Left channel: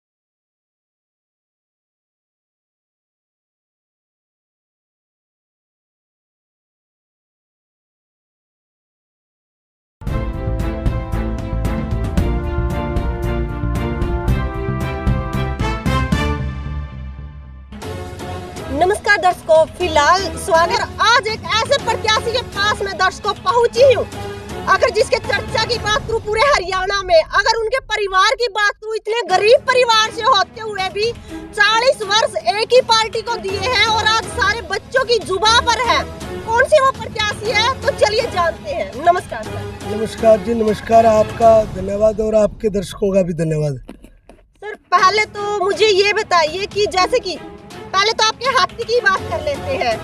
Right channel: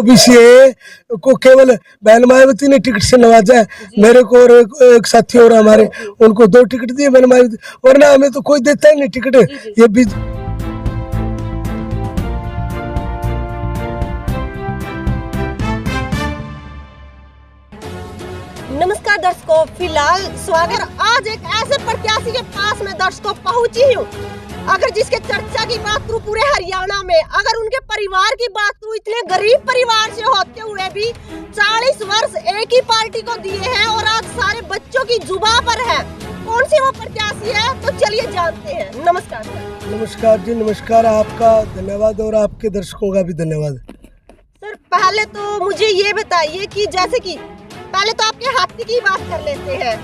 OBC को केवल बहन मायावती ने टिकट से नवाजा है। मेरे को और एक साथी और हमारे, उनको 2 टिकट दिए बहन मायावती, वरना हमें तो कोई देता ही नहीं टिकट। ये भी नमस्कार दर्शकों, फिलहाल स्वागत आज एक ऐसे प्रत्याशी के पास में दर्शकों पहुंची हूँ। अगर जिसके चर्चा की बात करूँ पूरे हरियाणा में, अगर उनके परिवार की बात करूँ, इतने गरीब परिवार से होते हुए भी 40 वर्ष एक ही पार्टी को दिए हैं और आज सारे बच्चों की जुबान पर है। कौन सी वो प्रत्याशी है, तो चलिए जानते हैं। नमस्कार सर। नमस्कार जी, नमस्कार। आपका धन्यवाद और आपके दर्शकों का भी धन्यवाद। सर पहले तो मुझे ये बताइए कि जैसे कि पहले तो आपके हाथी की बात कर लेते हैं।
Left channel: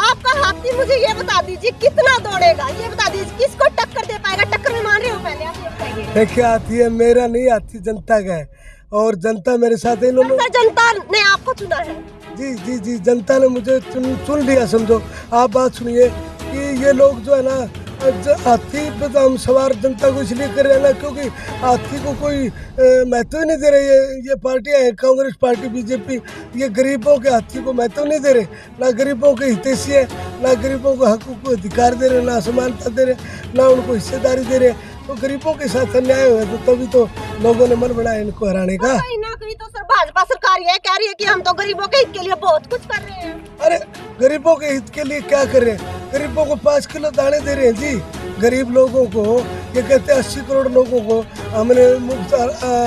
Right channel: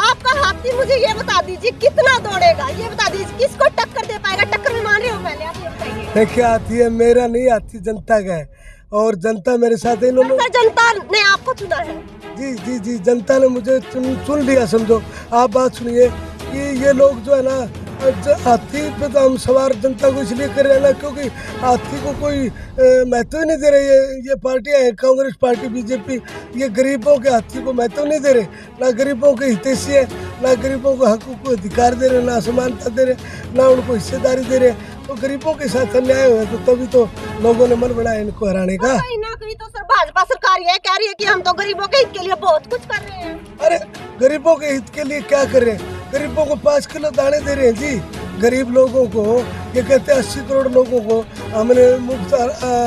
आपका हाथी मुझे ये बता दीजिए कितना दौड़ेगा, ये बता दीजिए किसको टक्कर दे पाएगा। टक्कर में मान रहे हो, पहले आप ये बताइए। देखिए, हाथी है मेरा नहीं, हाथी जनता का है और जनता मेरे साथ है। इन्होंने जनता ने आपको चुना है। जी जी जी, जनता ने मुझे चुन लिया समझो। आप बात सुनिए कि ये लोग जो है ना, हाथी पे तो हम सवार जनता को इसलिए कर रहे हैं ना, क्योंकि हाथी को कोई महत्व नहीं दे रहे। ये पार्टियां हैं, कांग्रेस पार्टी, बीजेपी, ये गरीबों के हाथी को महत्व नहीं दे रहे। ना गरीबों के हितैषी है, ना गरीबों को हक को अधिकार दे रहे, ना समानता दे रहे, ना उनको हिस्सेदारी दे रहे। तो गरीबों के साथ अन्याय हुआ, तो तभी तो लोगों ने मन बनाया इनको हराने का। कहीं ना कहीं तो सर भाजपा सरकार ये कह रही है कि हम तो गरीबों के हित के लिए बहुत कुछ कर रहे हैं। अरे गरीबों के हित के लिए क्या कर रहे हैं? गरीबों को 5 किलो दाने दे रहे हैं जी। गरीब लोगों को, ये कहते हैं 80 करोड़ लोगों को हमने मुफ्त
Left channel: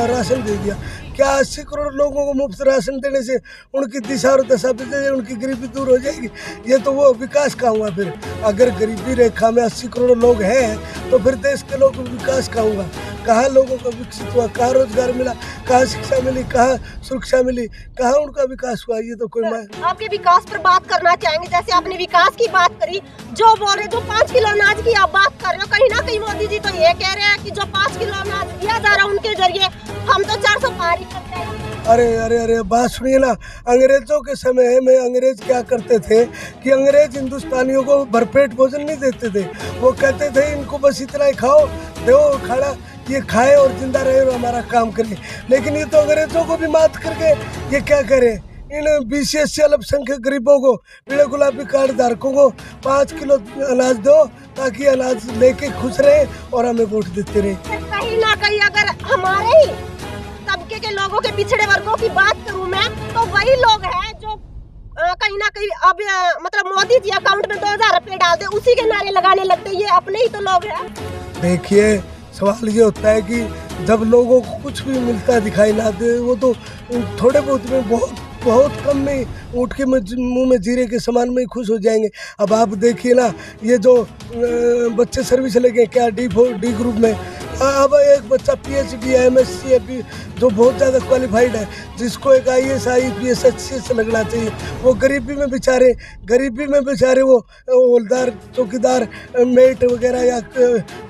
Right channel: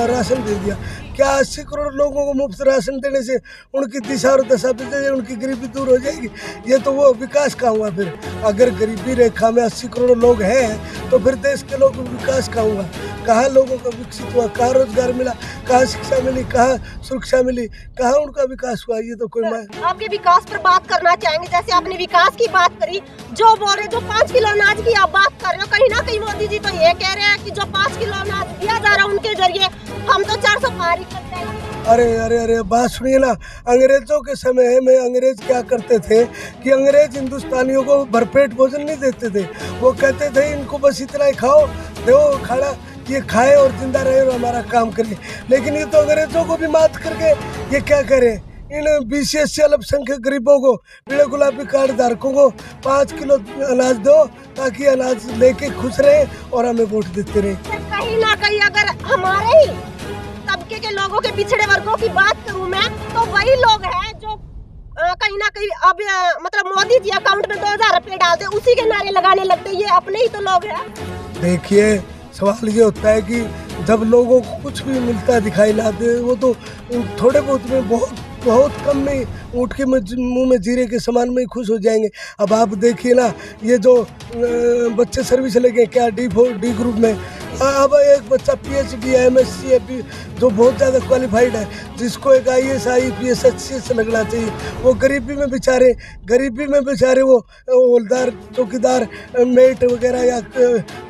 राशन दे दिया। क्या 80 करोड़ लोगों को मुफ्त राशन देने से उनकी दिशा और दशा बदल, उनकी गरीबी दूर हो जाएगी? ये तो वो विकास का हुआ। फिर अगर गरीबी रेखा में 80 करोड़ लोग हैं तो फिर देश के लोग विकास का हुआ। कहाँ लोगों का विकसित हुआ, कहाँ रोजगार मिला, कहाँ शिक्षा मिली, कहाँ सुरक्षा मिली, कहाँ उनका विकास हुआ? ये तो कोई आपके विकास पर बात करना चाहेंगे। जैसे आपने विकास की बात करी, जो बोल रहे, जो 5 किलो अनाज की आप बात कर रहे हो, कहीं ना कहीं मोदी जी तो ये कह रहे हैं कि जो 5 किलो अनाज दिया जा रहा है उनके जरिए हम तो 400 पार ही कर जाएंगे। अरे अरे अरे, बात सुनिए ना। अंग्रेजों के समय में अंग्रेज क्या करते थे कि अंग्रेज हिंदुस्तानियों को भरपेट भोजन नहीं देते थे। वो कहते थे इनको बस इतना ही खाओ, दो खाना, ये खाए और जिंदा रहे और हमारा काम करें। लेकिन ये तो अंग्रेजों को भी मात करके ये क्या करें, इन BCS अल्पसंख्यक गरीबों को, पीले गुलाबी कार्ड धारकों को 5 किलो अनाज दो ताकि अनाज लेके खुश रहे और हमें वोट देते रहे। कहीं ना कहीं अगर हमारे ही तबके के लोगों के, पिछड़े वर्गों की बात करूं मैं, तो वही लोग हैं जो कहीं ना कहीं अब मतलब मोदी जी अकाउंट में 2000 रुपए डाल दे, उसी के नारे लगाने लगते। ये अपने ही तो लोग हैं। देखिए, सवाल ये होता है कि जब लोगों को कुछ भी मिलता दिखाई ना दे, वो तो थोड़े बहुत में, बहुत कम में ऊँट के मुंह में जीरे के समान में ही खुश हो जाएंगे। अब आप देखिए ना, ये जो बच्चे सर्विस लगे क्या डी ग्रुप में, अब एक बच्चा PhD MSc है जो बहुत ज़्यादा क्वालिफाइड है, जिसको एक IAS IPS HCS लगना चाहिए, वो गरीबी में बेचारे वो हवलदार, चौकीदार, मेट वगैरह या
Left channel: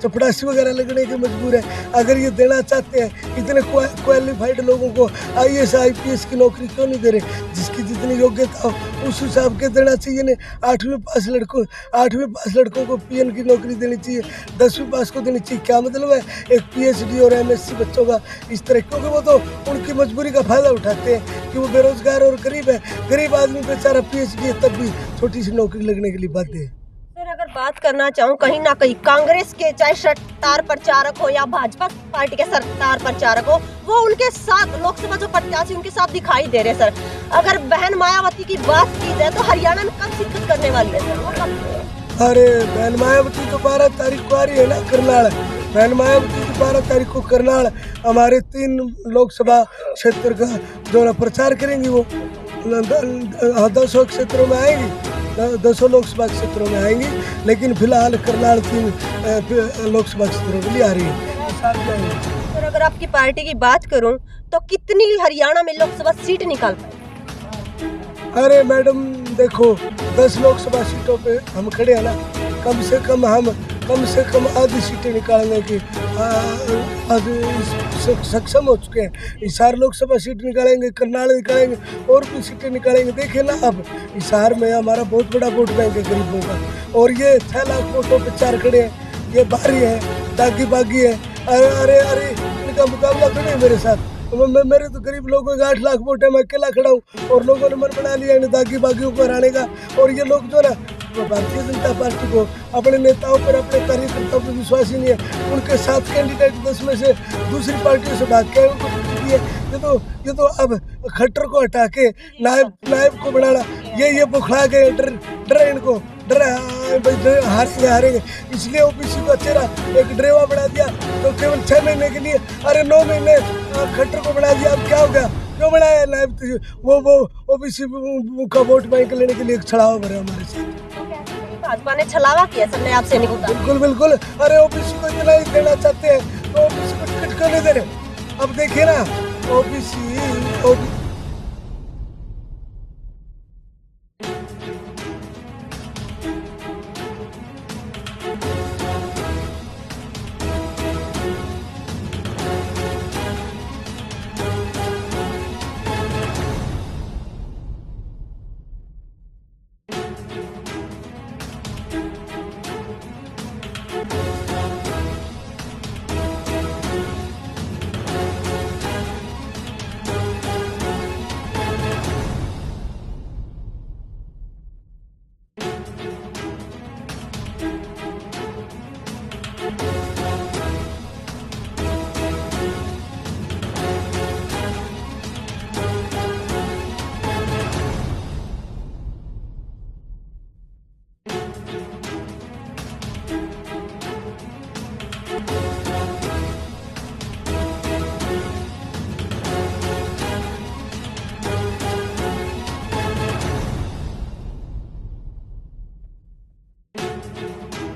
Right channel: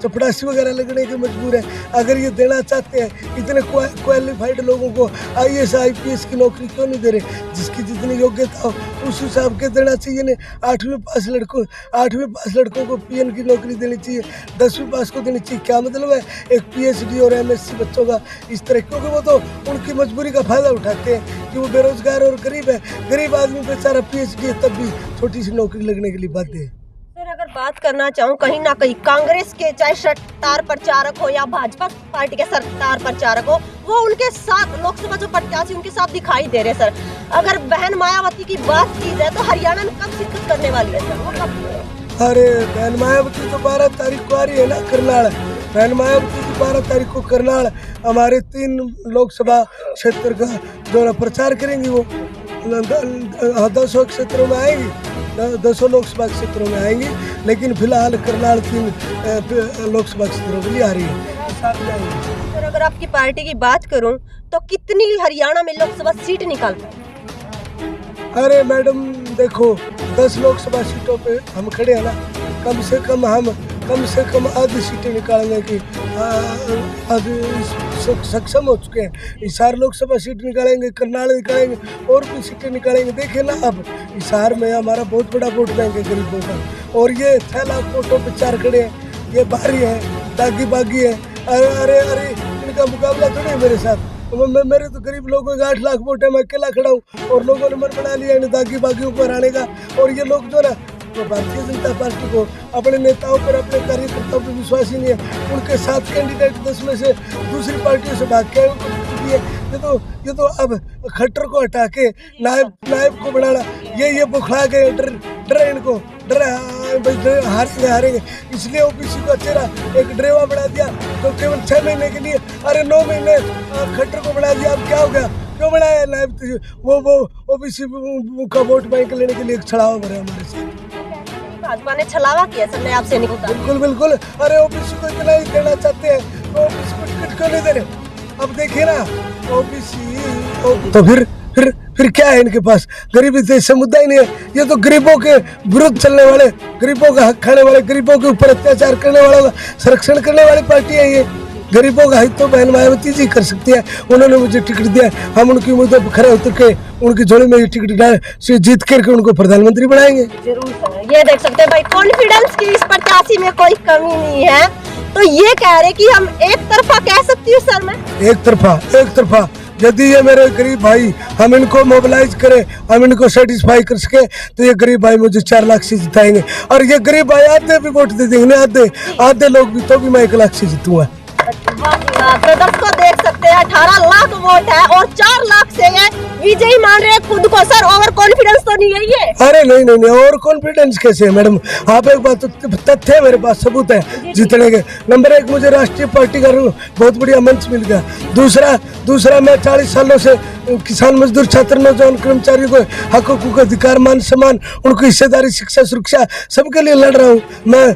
चपड़ासी वगैरह लगने के मजबूर है। अगर ये देना चाहते हैं इतने क्वालिफाइड लोगों को IAS IPS की नौकरी क्यों नहीं दे रहे? जिसकी जितनी योग्यता हो उस हिसाब के देना चाहिए। ने 8वीं पास लड़कों को PN की नौकरी देनी चाहिए, 10वीं पास को देनी चाहिए। क्या मतलब है एक PhD और MSc बच्चों का इस तरह? क्योंकि वो तो उनकी मजबूरी का फायदा उठाते हैं कि वो बेरोजगार और गरीब है। गरीब आदमी बेचारा PhD है तब भी छोटी सी नौकरी लगने के लिए बाध्य है। सर अगर बात करना चाहूँ, कहीं ना कहीं कांग्रेस के चाहे सत्तार प्रचारक हो या भाजपा पार्टी के सत्तार प्रचारक हो, वो उनके साथ लोकसभा जो प्रत्याशी उनके साथ दिखाई दे रहे। सर अगर बहन मायावती की बात की जाए तो हरियाणा में कब शिरकत करने वाली है सर? वो कब? अरे बहन मायावती तो 12 तारीख को आ रही है ना, करनाल। बहन मायावती की 12 तारीख को करनाल हमारे 3 लोकसभा क्षेत्र का जो प्रचार करेंगी, वो 200 क्षेत्रों में आएंगी, 200 लोकसभा क्षेत्रों में आएंगी। लेकिन फिलहाल करनाल 3 लोकसभा क्षेत्रों के लिए आ रही है। सर अगर आपकी पार्टी की बात करूं तो कितनी हरियाणा में लोकसभा सीट निकाल पाए? अरे मैडम देखो, 10 लोकसभा सीटों पे हम खड़े हैं ना, कम से कम आधी सीटें निकालने की सक्षम हो चुके हैं। हिसार लोकसभा सीट निकालेंगे, करनाल निकालेंगे और भी सीटें निकालेंगे। देखे ना, अब हिसार में हमारा बहुत बड़ा वोट बैंक है गरीबों का, और ये 6 लाख वोटों पे 4 खड़े हैं। ये बाहरी है, दागी बागी है। अरे अरे अरे, इनका मुकाबला थोड़ी है मेरे साथ। मेरे तो गरीब लोगों के 8 लाख वोट है, मैं अकेला खड़ा हूँ और लोगों ने मन बना लिया दागी बागियों को हराने का। और ये लोग जो ना तो भारतीय जनता पार्टी को अपने नेताओं पर अपने कार्यकर्ताओं पर विश्वास ही नहीं है। उनके 7 कैंडिडेट 10 में से दूसरी पार्टियों से भाग के उनको टिकट दिए। ये तो अब खट्टर को हटा के नायब को बनाना, ये बुखला गए। डर इनको हारेंगे इसलिए ओबीसी को चेहरा एक ड्रेवा बना दिया तो केवल 6 महीने के लिए, अरे 9 महीने खट्टर को बना दिया। अब क्या हो गया, क्यों बनाया नायब? वो ओबीसी का वोट बैंक लेने के लिए एक छलावा भरे हमारे से। भाजपा ने छलावा किया सर ने आपसे नहीं बिल्कुल बिल्कुल। अरे ओबीसी को इतना ही देना चाहते हैं तो ओबीसी को टिकट क्यों नहीं दे रहे? अब देखिए ना ओबीसी तो फिर क्या है इनके पास? गरीबी देश से मुद्दा ही नहीं है। ये तो गरीबों के विरुद्ध चलने वाले, गरीबों का हक खाने वाले, गरीबों के ऊपर अत्याचार करने वालों का संरक्षण करने वाली पार्टी है ये। गरीबों का हित तो बहन मायावती जी कर सकती है। उन्होंने मुझे टिकट दिया, हम उनकी मुद्दे पर खड़े उतर के उनकी झोली में ये टिकट डाल से जीत करके उनको प्रधानमंत्री बनाएंगे। जरूर ये देख सकते हैं भाई, कॉन्फिडेंस की इस प्रत्याशी में कोई कमी नहीं है। तो ये कह रहे कि हम एक तरफा कह सकती हूँ सर मैं? एक तरफा यदि ये मेरे गरीब भाई हम इनको मोबिलाइज करें, हम इनको सेटिस्फाई कर सके तो ये गरीब भाई मुझे 4 लाख से जिताएंगे। और ये गरीब भाई आधे भी वोट दे देंगे, आधे लोग भी, तो भी मैं 1 लाख से जीतूंगा। तो दर्शकों देख सकते हैं 18 लाख वोट है और 4 लाख से ये विजयी मान रहे हैं खुद को। सर ओवर कॉन्फिडेंस तो नहीं है ये? अरे नहीं ओवर कॉन्फिडेंस कैसे है मैडम? आप एक बात, तथ्य है मेरे पास, सबूत है जीतने के। नंबर 1 मुझे राष्ट्रीय पार्टी का बहुत बढ़िया मंच मिल गया। दूसरा मैं 40 सालों से किसान मजदूर छात्र नौजवान कर्मचारियों को हकों का अधिकार मान सम्मान उनको हिस्सेदारी शिक्षा सुरक्षा सबके लिए लड़ रहा हूँ। मैं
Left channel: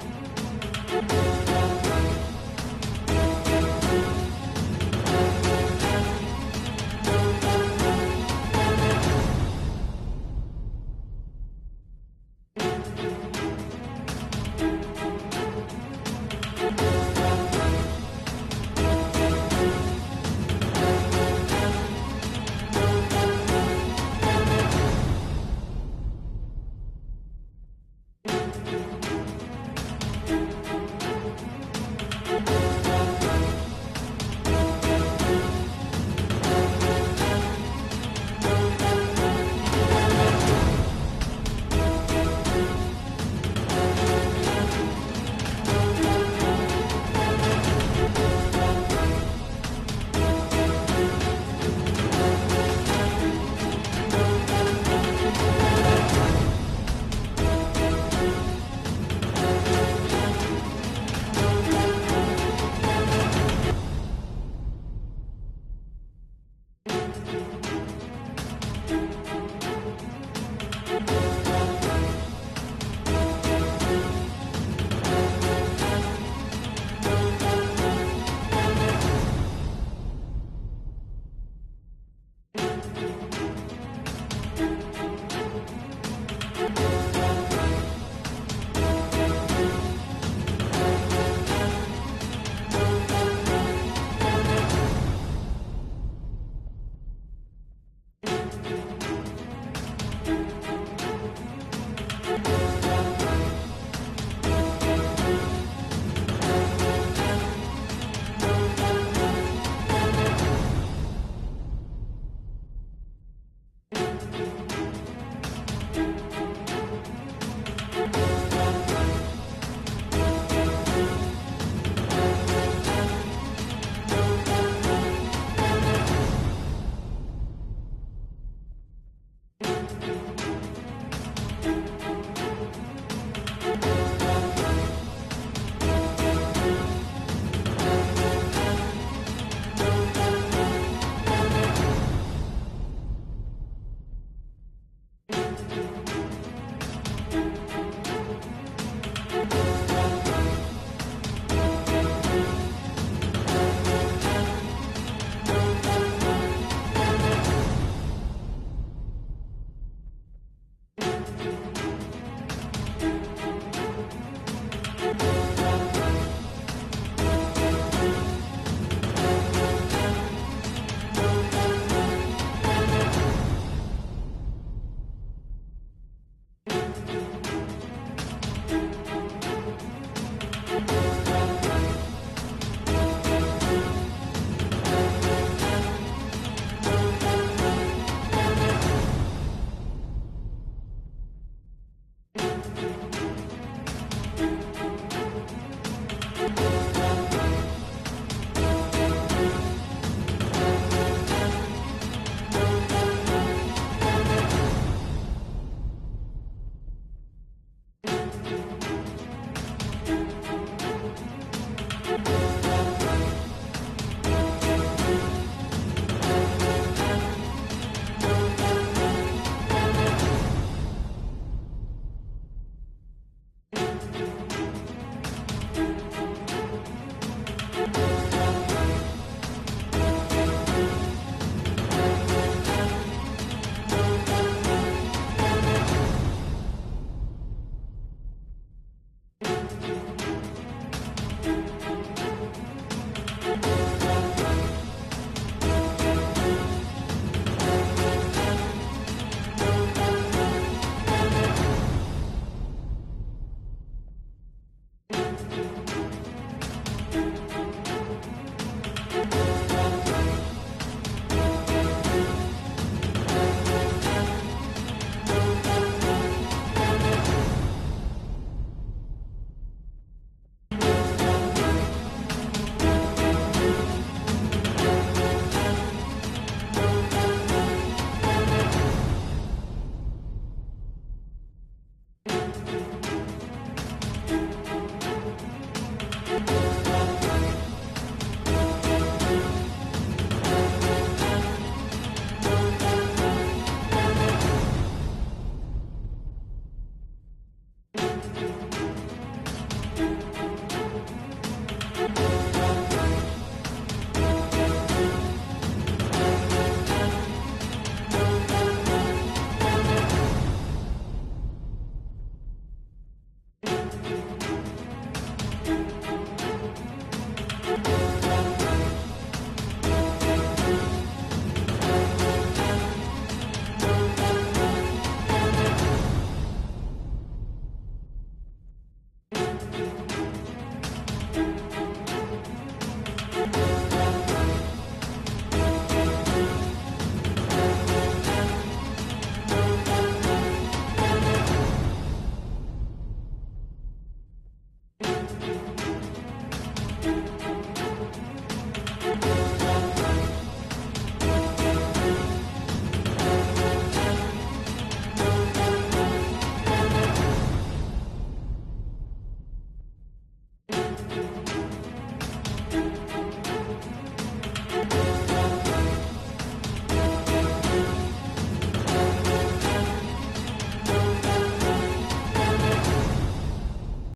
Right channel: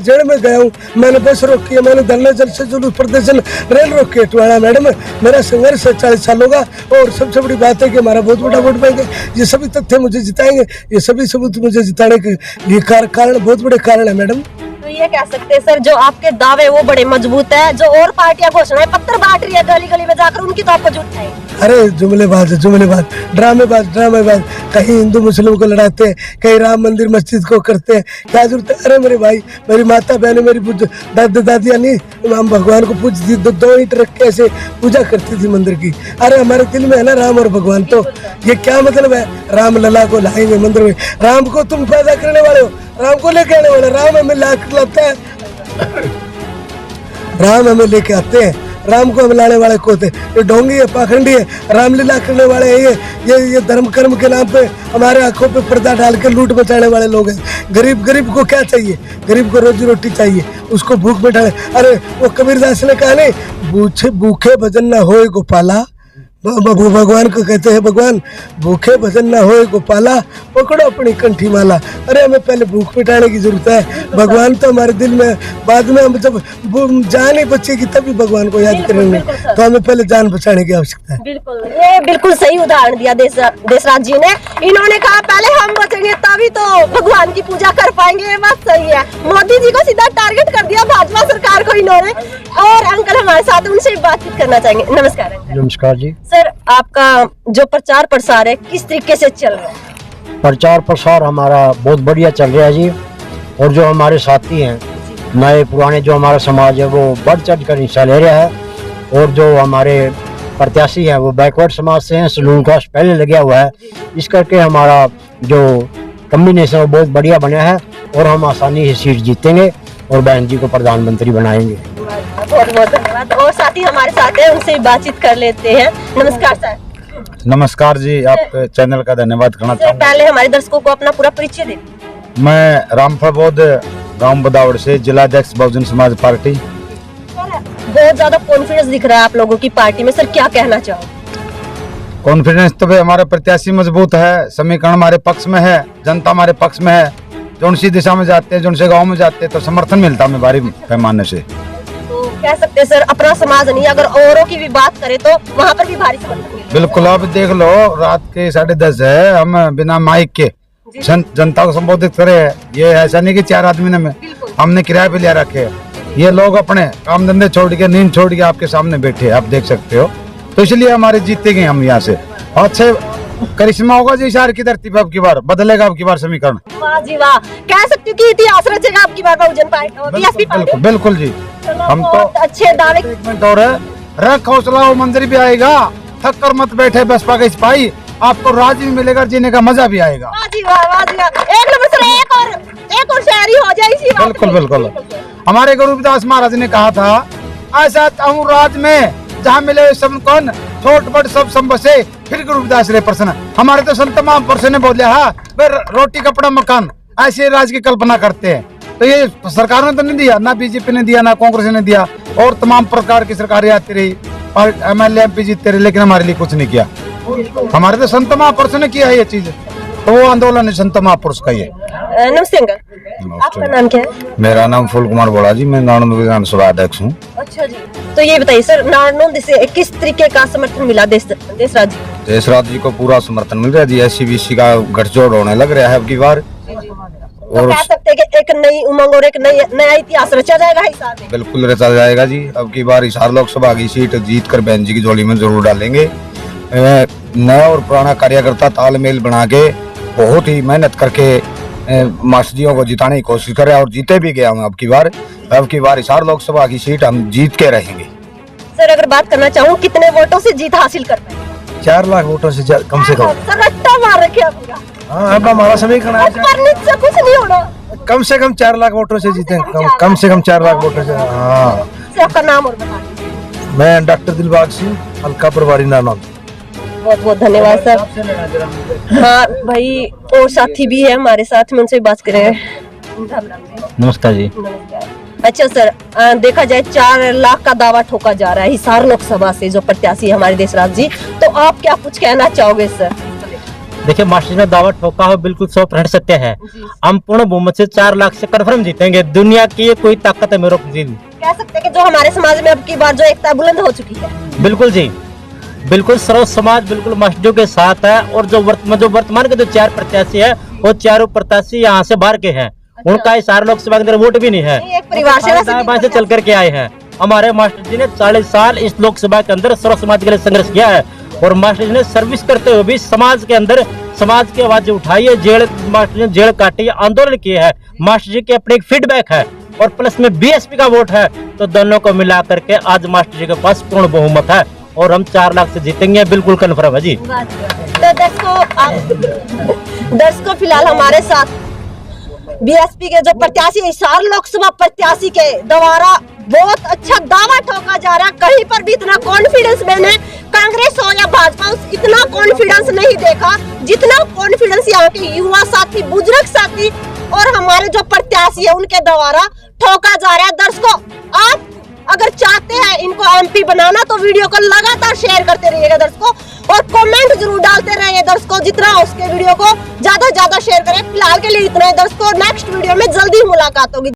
जेल में गया हूँ, मैंने बस रोकी है, मैंने धरना जलसे जुलूस प्रदर्शन रेल रोकी है टुवाड़ा। मैडम मेरा संघर्ष है 40 सालों का और सबसे बड़ी बात है कि हमारा बहुत बड़ा वोट बैंक है। ये सभी तथ्य मुझे जिताएंगे, ये सभी सबूत मुझे जिताने के ये कारण बहुत बड़े कारण है मैडम। तो ये कह सकते हैं सर जो आपके दावे वो बड़े मजबूत है, जो और पार्टियां घोषणाएं पत्र बांट रही है गली में जाकर उनकी तो आपको झूठ नहीं? अरे जुमलेबाज ड्रामेबाज कहीं हिंदू मुस्लिम को लड़ाते हैं, कहीं राम मंदिर मस्जिद को करते हैं, क्या जरूरत है? अरे मेरे भाई, मेरी माता बहने, मेरी दादियाँ नहीं हम भगवान को पूजती, 2 ईंट रख के ऐसे पूजा करती थी मंदिर की। अरे हमारे दिल में है ना राम और भगवान, तो ये क्या मतलब है? राम लला को लाएंगे मंदिर में, राम को तुम पैदा करने वाले हो, राम को लेके आने वाले, राम हमें लाता है, राम हमें लेके आते हैं, राम को हम लाने वाले को होते। ये ढोंगी है, पाखंडी है, रामलीला करने वाले हैं ये धर्म कर्म के नाम पे हमारे आंखों पे पर्दा डाल के लूट बचाने वाले लोग हैं। गरीब को क्या चाहिए? गरीब को रोजी रोटी चाहिए, उसको भूख मिटाने। अरे वो कबीरदास ने कहा नहीं, भूखे भजन न होए गोपाला, भगवान को कहते हैं भगवान भूखे भजन ना होए गोपाला, पकड़ो अपनी कंठी माला। अरे हमें पहले भूख मिटाने की जरूरत है, भगवान तो हमारे दिल में, बाद में हम जब जान ही बचेगी तभी भगवान को याद करेंगे, तो हमें पहले जान बचाने की आवश्यकता है। बिल्कुल, ये बिल्कुल सही उदाहरण दिया देशराज जी ने। इन्होंने कहा पहले हम बचेंगे तभी तो भगवान की पूजा कर पाएंगे, ये बात सही है। मोदी जी को सीधा टारगेट कर दिया भाजपा सरकार को इन्होंने। और अंकल हमारे साथ, उनसे बातचीत करना चाहेंगे। नमस्कार अंकल। नमस्कार जी। सर आपका जो प्रचार प्रसार है किस तरीके से चल रहा है? प्रचार प्रसार हमारा बहुत बढ़िया चल रहा है जी। और जो हमारे साथी हैं नए पुराने, जो हमारा समाज है वो बढ़ चढ़ कर हिस्सा ले रहा है। और जो हमारे प्रत्याशी हैं वो बैकवर्ड समाज से हैं, सलून कास्ट पहले लगा हुआ है। इस करके हमारा जो कम्बिनेशन है बहुत बढ़िया बना है और हम आसानी से सीट जीतेंगे और बहन जी को प्रधानमंत्री बनाएंगे। बहुत बहुत धन्यवाद। और साथी हमारे साथ है, उनसे बातचीत कर लेते हैं। नमस्कार सर। नमस्कार जी, आप चैनल का धन्यवाद करना चाहूँगा। पहले हमारे दर्शकों को अपना पूरा परिचय दें। मैं रामफल बोध, गांव बदावड़ से, जिलाध्यक्ष बहुजन समाज पार्टी। बहुत ज्यादा कॉन्फिडेंस दिख रहा है आप लोगों की पार्टी में, सर क्या कहना चाहो? कॉन्फिडेंस तो भाई हमारे प्रत्याशी मजबूत है, समीकरण हमारे पक्ष में है, जनता हमारे पक्ष में है। जो सी दिशा में जाते हैं, जो से गाँव में जाते हैं तो समर्थन मिलता है भारी पैमाने से। कह सकते हैं सर अपना समाज नहीं, अगर औरों की भी बात करें तो वहाँ पर भी भारी समर्थन। बिल्कुल, आप देख लो रात के 10:30 है, हम बिना माइक के जनता को संबोधित करे। ये ऐसा नहीं कि 4 आदमी ने हमने किराए पे लिया रखे, ये लोग अपने काम धंधे छोड़ के, नींद छोड़ के आपके सामने बैठे, आप देख सकते हो। तो इसलिए हमारे जीतेंगे हम यहाँ से। अच्छे करिश्मा होगा जी इशार की धरती पे, अब की बार बदलेगा, अब की बार समीकरण। वाह जी वाह, कह सकते हो कि इतिहास रचेगा अब की बार बहुजन पार्टी। बिल्कुल जी, हम तो अच्छे दावे। और है रख हौसला, वो मंदिर भी आएगा। थक कर मत बैठे बसपा के सिपाही, आपको राज भी मिलेगा, जीने का मजा भी आएगा। वाह जी वाह, वाह जी वाह। एक नंबर सर, एक और शायरी हो जाए इसी बात बिल्कुल पे। बिल्कुल। हमारे गुरु रविदास महाराज ने कहा था, ऐसा चाहूं राज में जहाँ मिले सब कौन, छोट बड़ सब संबसे, फिर गुरु रविदास रे प्रसन्न। हमारे तो संत महापुरुषों ने बोला है, वे रोटी कपड़ा मकान ऐसे राज की कल्पना करते हैं। तो ये सरकार ने तो नहीं दिया, ना बीजेपी ने दिया, ना कांग्रेस ने दिया, और तमाम प्रकार की सरकारें आती रही और MLA MP जीतते रहे, लेकिन हमारे लिए कुछ नहीं किया। हमारे तो संत महापुरुषों ने किया है ये चीज, तो वो आंदोलन है संत महापुरुष का ये। नमस्ते अंकल, आपका नाम क्या है? मेरा नाम फूल कुमार बोला जी, मैं नारायण विधानसभा अध्यक्ष हूँ। अच्छा जी, तो ये बताइए सर, नारायण से किस तरीके का समर्थन मिला देशराज जी? देशराज जी को पूरा समर्थन मिल रहा है जी। SC-BC का गठजोड़ होने लग रहा है अब की बार, तो कह सकते हैं कि एक नई उमंग और एक नया इतिहास रचा जाएगा हिसार में। बिल्कुल रचा जाएगा जी। अब की बार हिसार लोकसभा की सीट जीत कर बहन जी की झोली में जरूर डालेंगे। नया और पुराना कार्यकर्ता तालमेल बना के बहुत ही मेहनत करके मास्टर जियों को जिताने की कोशिश करें, और जीते भी गया हूँ अब की बार। हिसार लोकसभा की सीट हम जीत के रहेंगे। सर अगर बात करना चाहूँ, कितने वोटों से जीत हासिल कर पाए? 4 लाख वोटों से कम से कम। सर रट्टा मार रखे आपका। हाँ, अब हमारा समीकरण है, परनित से कुछ नहीं होना। कम से कम 4 लाख वोटों से जीते, कम से कम 4 लाख वोटों से। हाँ, सर आपका नाम और बता दीजिए। मैं डॉक्टर दिलबाग सिंह, हल्का प्रभारी नानाम। बहुत बहुत धन्यवाद सर। हाँ भाई, और साथी भी है हमारे साथ में, उनसे भी बात करेंगे। नमस्कार जी। अच्छा सर, देखा जाए 4 लाख का दावा ठोका जा रहा है हिसार लोकसभा से जो प्रत्याशी है हमारे देशराज जी, तो आप क्या कुछ कहना चाहोगे सर? देखिए, मास्टर ने दावा ठोका हो, बिल्कुल 100% सत्य है। हम पूर्ण बहुमत से 4 लाख से कन्फर्म जीतेंगे। दुनिया की ये कोई ताकत है मेरे को कह सकते हैं कि जो हमारे समाज में अब की बार जो एकता बुलंद हो चुकी है। बिल्कुल जी, बिल्कुल सर्व समाज बिल्कुल मास्टरों के साथ है। और जो वर्तमान के जो 4 प्रत्याशी है, वो चारों प्रत्याशी यहाँ से बाहर के हैं। उनका हिसार लोकसभा के अंदर वोट भी नहीं है, एक परिवार से चल करके आए हैं। हमारे मास्टर जी ने 40 साल इस लोकसभा के अंदर सर्व समाज के लिए संघर्ष किया है, और मास्टर जी ने सर्विस करते हुए भी समाज के अंदर समाज की आवाज उठाई है। मास्टर जी ने जेल काटी, आंदोलन किए है। मास्टर जी के अपने एक फीडबैक है, और प्लस में BSP का वोट है, तो दोनों को मिला करके आज मास्टर जी के पास पूर्ण बहुमत है, और हम 4 लाख से जीतेंगे, बिल्कुल कन्फर्म है जी। तो दर्शकों फिलहाल हमारे साथ BSP के जो प्रत्याशी, हिसार लोकसभा प्रत्याशी के द्वारा बहुत अच्छा दावा ठोका जा रहा है। कहीं पर भी इतना कॉन्फिडेंस मैंने कांग्रेस हो या भाजपा इतना कॉन्फिडेंस नहीं देखा जितना कॉन्फिडेंस यहाँ के युवा साथी, बुजुर्ग साथी और हमारे जो प्रत्याशी है उनके द्वारा ठोका जा रहा है। दर्शकों, आप अगर चाहते हैं इनको MP बनाना तो वीडियो को लगातार शेयर करते रहिएगा दर्शकों, और कमेंट जरूर डालते रहिए दर्शकों। जितना हो उसके वीडियो को ज्यादा शेयर करें। फिलहाल के लिए इतना ही दर्शकों, नेक्स्ट वीडियो में जल्दी मुलाकात होगी।